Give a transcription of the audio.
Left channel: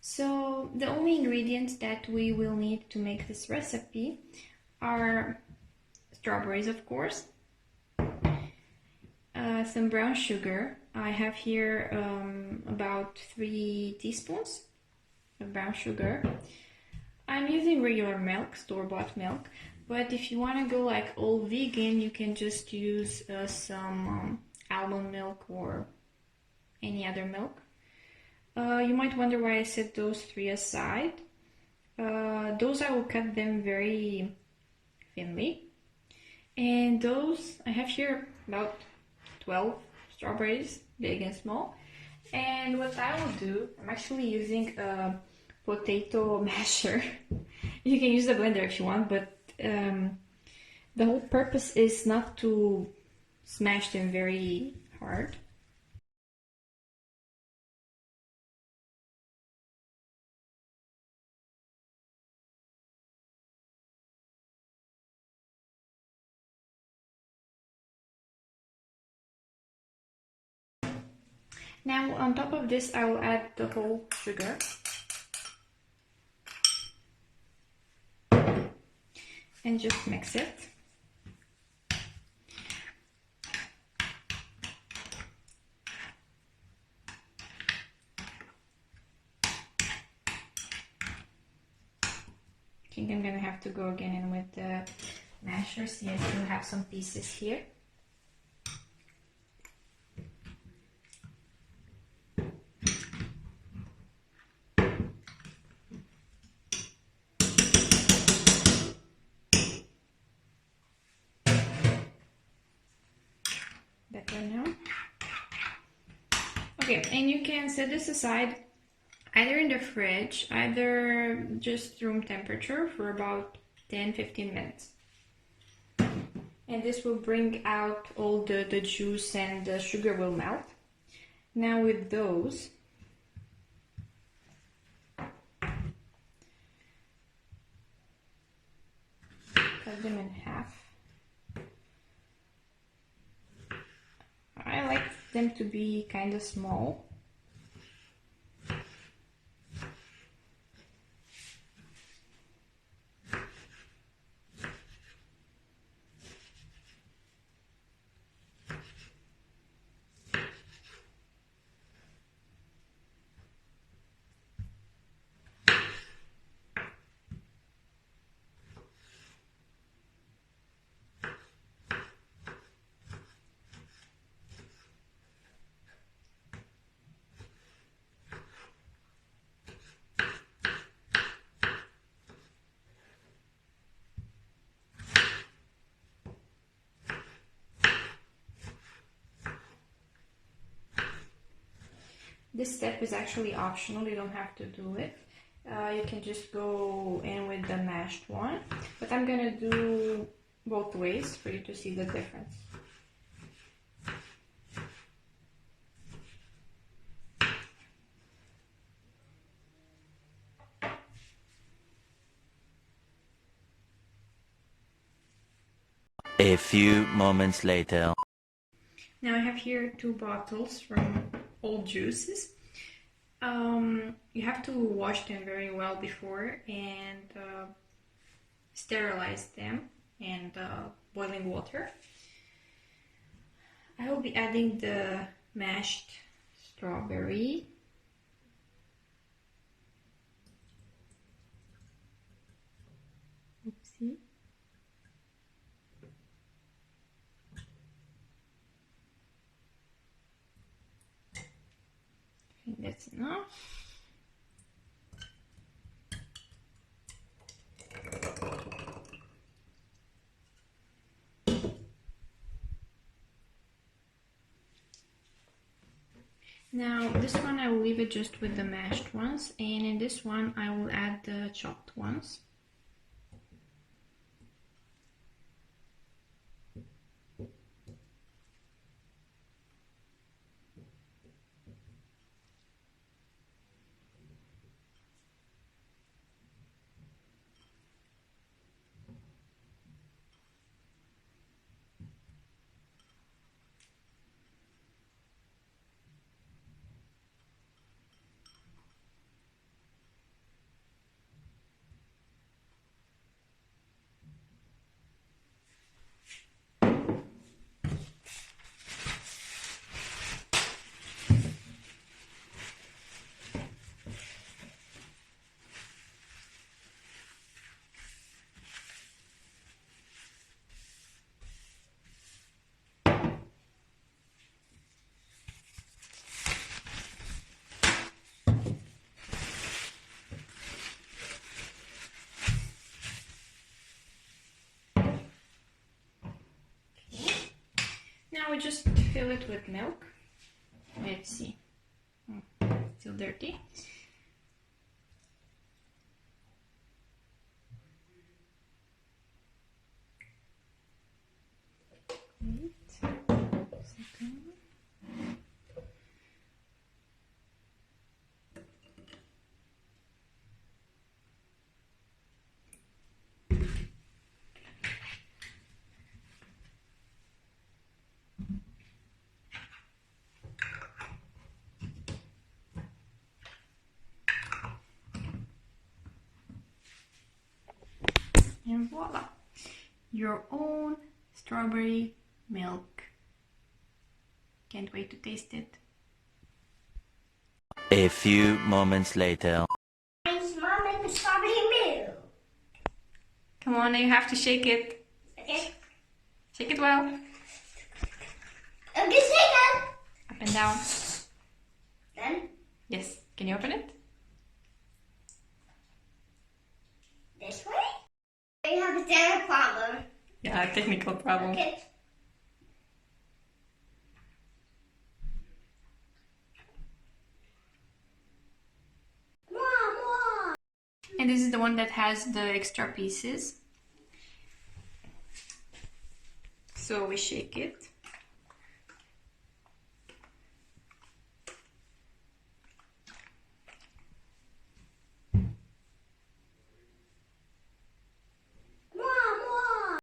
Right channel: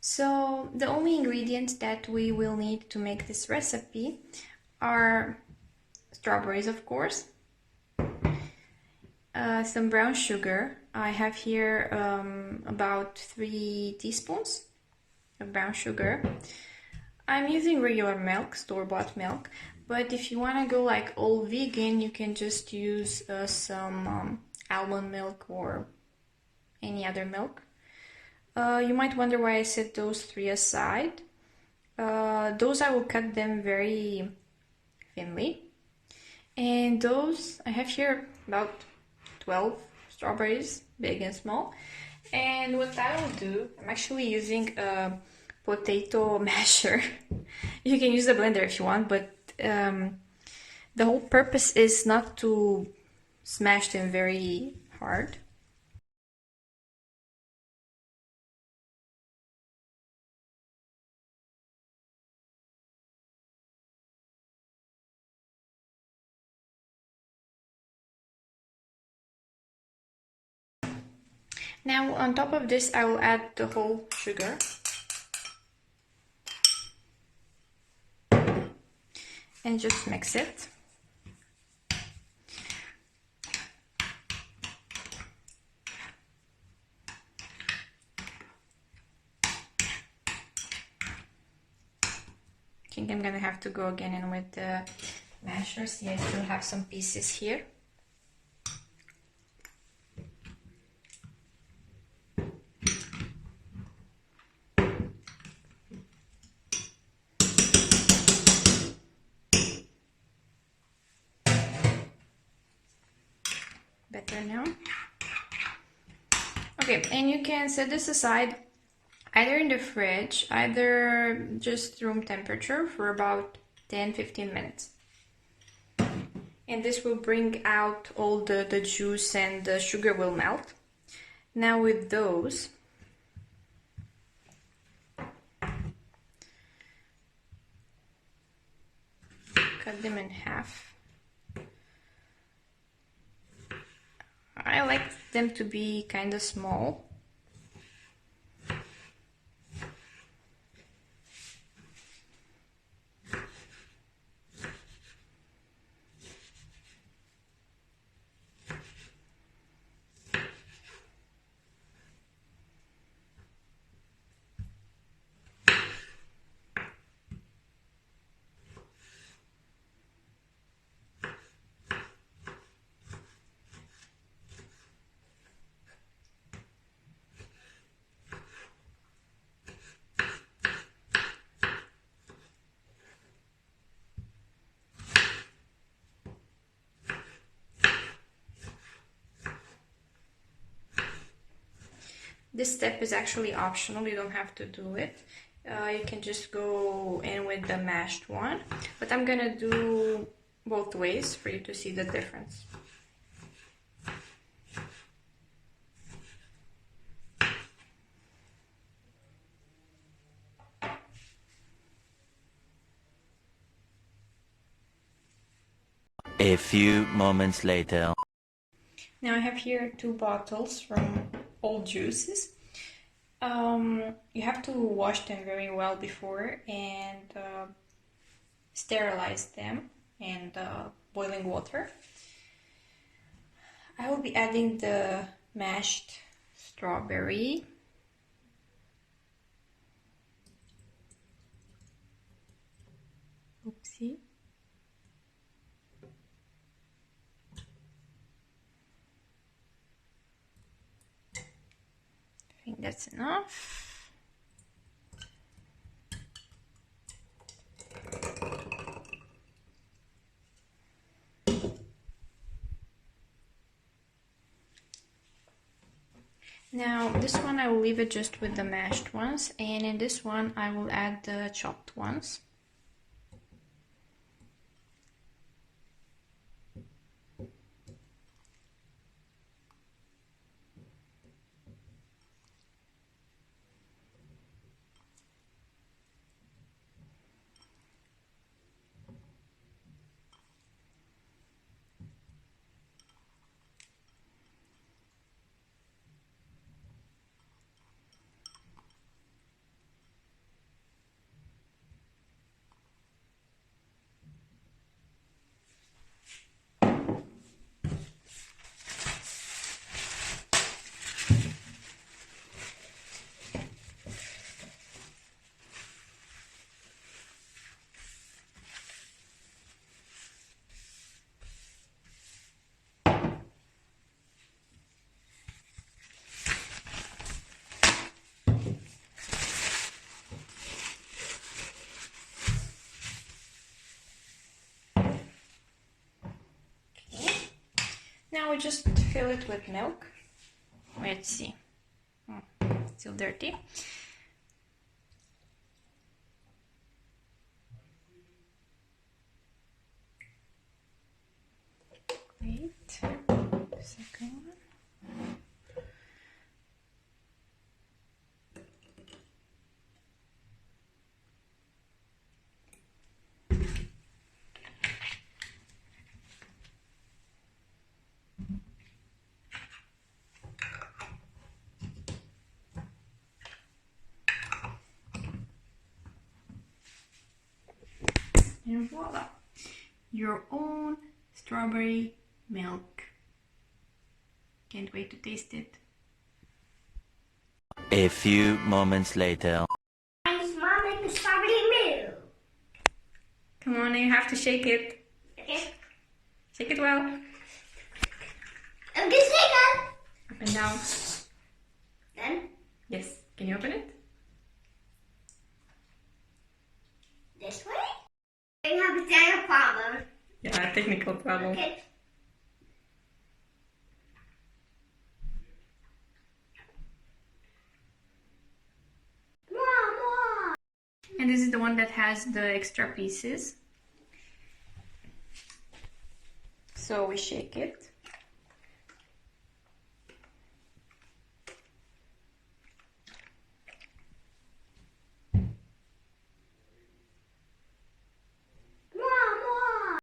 So the only ingredients that we will need to make this recipe are strawberries, of course, some brown sugar. I have here about 3 teaspoons of brown sugar. I'm using regular milk, store-bought milk, but if you want to go like all vegan, you can just use some almond milk or any other milk. You might wonder why I set those 3 aside. Those I will cut them very thinly. And those, I have here about 12 strawberries, big and small. And what I will do, I'm actually using a potato masher. You can use a blender if you want, but the whole purpose is not to smash them very hard. Now on top of this, I will add the whole sugar. And just mix it. I think I'm gonna have to go again in with the masher. See, I still have some pieces here. Better now. Okay, and you can set this aside either in the fridge, either just room temperature for about 10-15 minutes. And this will bring out all the juice and the sugar will melt. Now with those, cut them in half. I like them to be kind of small. This step is actually optional, you don't have to do it. You can just go in with the mashed one, but I'm gonna do both ways for you to see the difference. A few moments later. Now I have here 2 bottles from old juices. You have to wash them very well before and sterilize them in boiling water. I will be adding the mashed strawberry. Oopsie. I think that's enough. Now this one I will leave it just with the mashed ones, and in this one I will add the chopped ones. we just fill it with milk. Let's see. Still dirty. Wait. Second one. And voila, your own strawberry milk. Can't wait to taste it. A few moments later. I'm smelling the strawberry milk. Come on, now you have to shake it. Okay. Shake it well. I'm just shaking. Up and down. Then Yes. Can you open it? this way. I have a giant problem. Yeah, technical problem. Okay. More. And this is the one that has the extra pieces. So we shake it.